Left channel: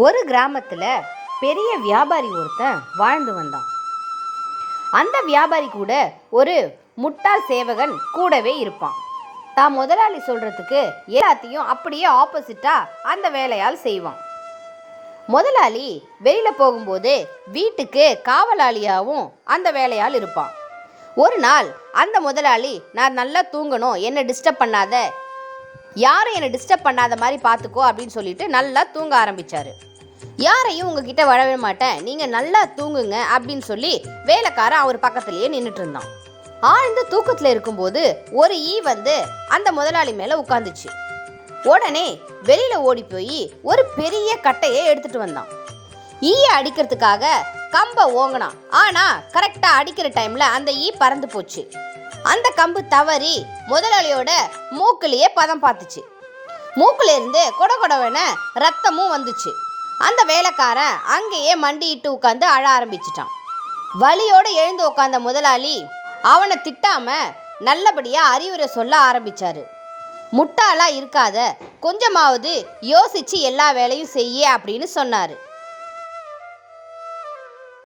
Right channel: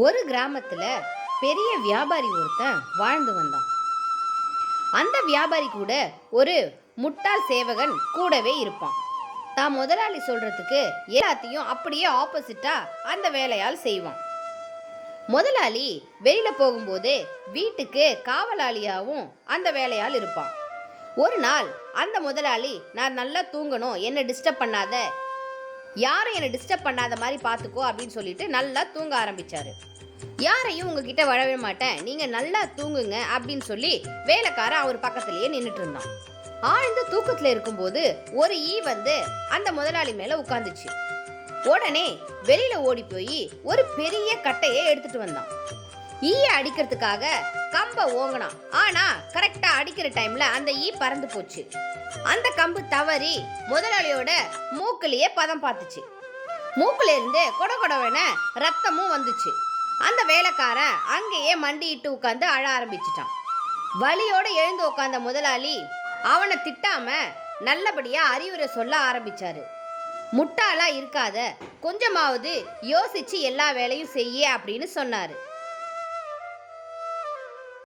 ஒரு கிராமத்தில் பெரிய வியாபாரி ஒருத்தன் வாழ்ந்து வந்தான். அந்த வியாபாரி கூட ஒரு முட்டாள் சேவகன் கூடவே இருப்பான். தான் முதலாளி சொல்கிறதுக்கு எல்லாத்தையும் அப்படியே ஆப்போசிட்டாக அந்த வேலையால் செய்வான். முதலாளி வெளியில் போகும்போது வீட்டுக்கு காவலாளியாகவும் அந்த வேலையால் இருப்பான். ஒரு நாள் அந்த முதலாளி, நான் நல்லா தூங்கணும், என்னை டிஸ்டர்ப் பண்ணாத, யாரும் என்னை டிஸ்டர்ப் பண்ணாத மாதிரி பார்த்துக்கோ அப்படின்னு சொல்லிட்டு நல்லா தூங்க ஆரம்பித்தார். யாரையும் உங்ககிட்ட வரவே மாட்டேன், நீங்கள் நல்லா தூங்குங்க அப்படின்னு சொல்லி வேலைக்காரன் அவர் பக்கத்துலேயே நின்றுட்டு இருந்தான். ஆழ்ந்த தூக்கத்தில் இருக்கும்போது ஒரு ஈ வந்து அந்த முதலாளி மேலே உட்காந்துச்சு. உடனே வெளியில் ஓடி போய் ஒரு பெரிய கட்டையை எடுத்துட்டு வந்தான். ஈயை அடிக்கிறதுக்காக கம்பை ஓங்கினான். ஆனால் கரெக்டாக அடிக்கிற டைமில் அந்த ஈ பறந்து போச்சு. அந்த கம்பு தவறி முதலாளியோட மூக்குலேயே பதம் பார்த்துச்சு. மூக்குலேருந்து கொடகொடவன ரத்தமும் வந்துச்சு. அந்த வேலைக்காரன் அங்கேயே மண்டிட்டு உட்காந்து அழ ஆரம்பிச்சிட்டான். வலியோடு எழுந்து உட்காந்த முதலாளி அவனை திட்டாம நல்லபடியா அறிவுரை சொல்ல ஆரம்பிச்சாரு. முட்டாளா இருக்காத, கொஞ்சமாவது யோசிச்சு எல்லா வேலையும் செய்ய அப்படின்னு சொன்னாரு.